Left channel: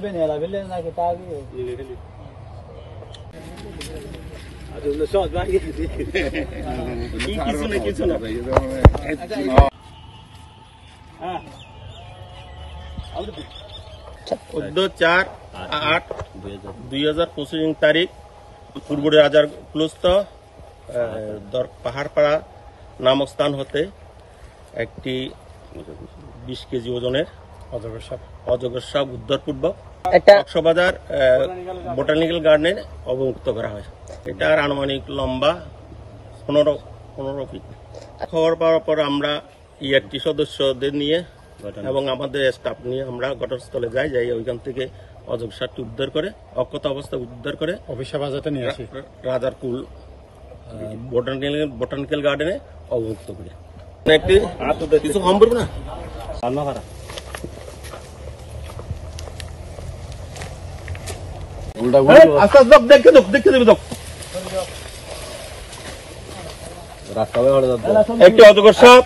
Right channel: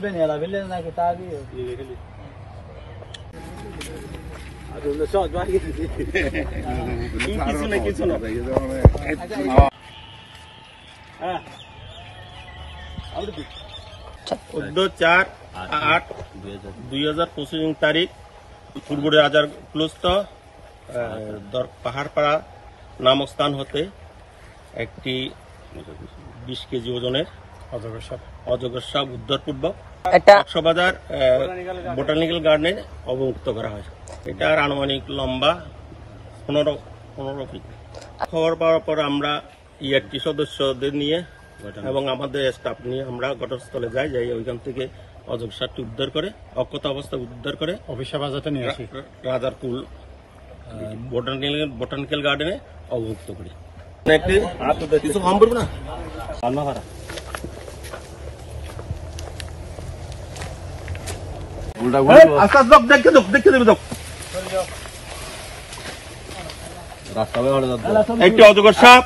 Nella bellezza che tagli adunda shot bagi কিছু না 14/8/2025 তারিখ ফুলগুড়ি রাজার ক্লুস্ত পাহাড়পাড়া নামক স্থান হতে একটি 20 কেজি ওজনের অজগর সাপ উদ্ধারপূর্বক কক্সবাজার বোটানিক্যাল গার্ডেনে অবমুক্ত করা হয়। এটার আনুমানিক লম্বা 15 ফিট। খবর পাওয়ার পর আমরা ইয়ারটি সদস্যদের নিয়ে এবং আমাদের স্টাফ নিয়ে আমরা ঘটনাস্থলে যাই ওইখান থেকে অজগর সাপটি উদ্ধার করে অক্ষত অবস্থা উদ্ধার করে অফিসাবাজাতে নিয়ে আসি রাজারকুল বোটানিক্যাল গার্ডেনে অবমুক্ত করি। একটি কিছু কম করবো না একটি অজগর সাপ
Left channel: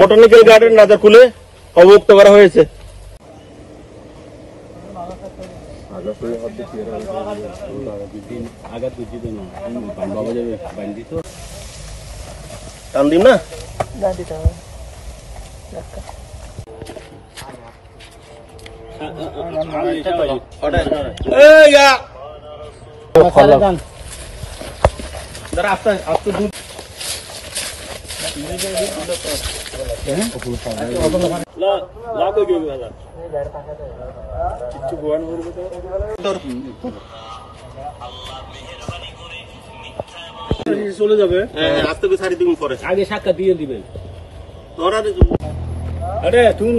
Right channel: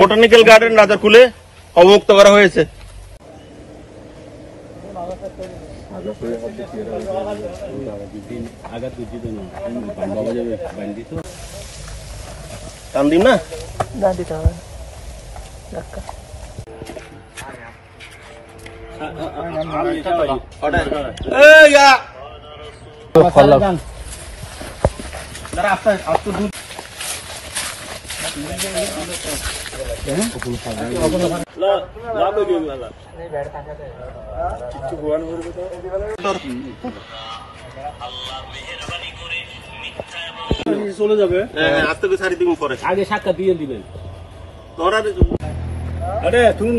বোটানিক্যাল গার্ডেন রাজারকুলে অবমুক্ত করা হয়েছে। টান দিন না চলে যাবে আজ থেকে 4 দিন পরে আগে সাক্ষাৎ দিয়ে দিবেন তোরা আরে তুমি